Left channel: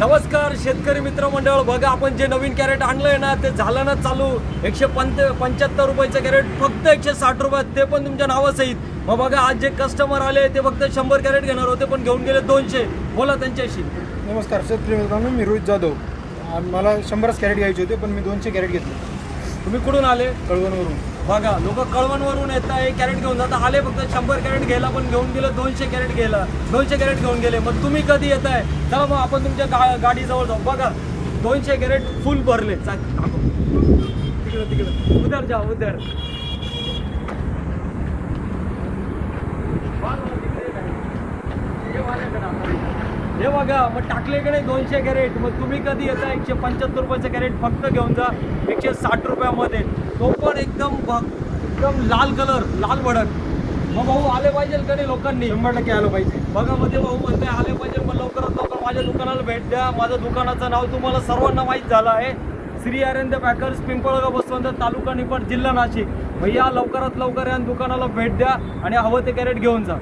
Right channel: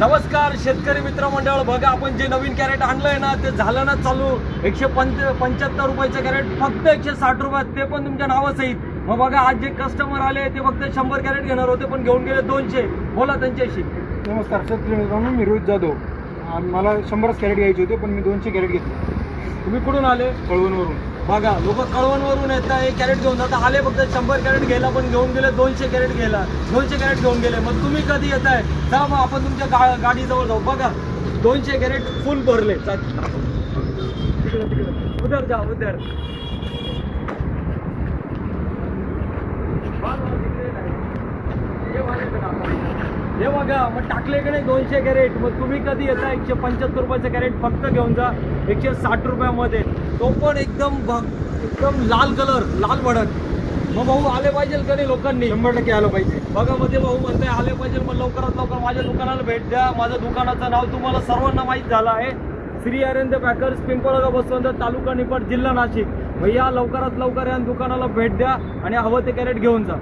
नमस्कार शेतकरी मित्रमंडळ, बघा आपण जे नवीन कॅरेट आणलंय ना ते झालं ना चालू 175 रुपयाचे कॅरेट फक्त 160 रुपयात, ते पण तुमच्या नावासहित. मग बघा आज जे कस्टमर आले ते फक्त 100 कॅरेट घेणार होते पण घेऊन गेले 200. बोला त्यांच्याशी. नमस्कार शेतकरी मित्रांनो, मी रोहित जाधव. मला 100 कॅरेट घ्यायचे होते पण मी 200 कॅरेट घेतले. तुम्ही कुठून आले? कळवणवरून. बघा लोक कळवणवरून येतात, एक कॅरेट घेऊन जातात. आले फक्त 100 कॅरेट घ्यायला पण घेऊन गेले 200 कॅरेट घ्यायला, 200 कॅरेट घेऊन गेले. मग तुम्ही कधी येताय? चला मग आपण तुमच्या गाडीजवळ जाऊ. बघा 200 कॅरेट फुल भरले. उधर जा उधर. हे बघा मग टाकले की नाही 200 कॅरेट. मग तुम्ही कधी येता? 175 रुपयाचं कॅरेट फक्त घेऊन जा 160 रुपयामध्ये. तो पण एकदम लाल कलर, लाल भडक. मग भाऊ आले पाहिजे का नाही लोकांनी? 100% आलं पाहिजे. बघा मध्ये भाऊ म्हणताय आले पाहिजे. मग लवकरात लवकर माझ्या दुकानाला भेट द्या. माझ्या दुकानाचं नाव तुम्हाला सर्वांना माहीत झालं आहे, श्री अरविंद पॅकर्स, पिंपळगाव, बसवंत, तालुका निफाड, जिल्हा नाशिक. भैया लवकरात लवकर या दुकानाला भेट द्या आणि हवं ते कॅरेट घेऊन जा.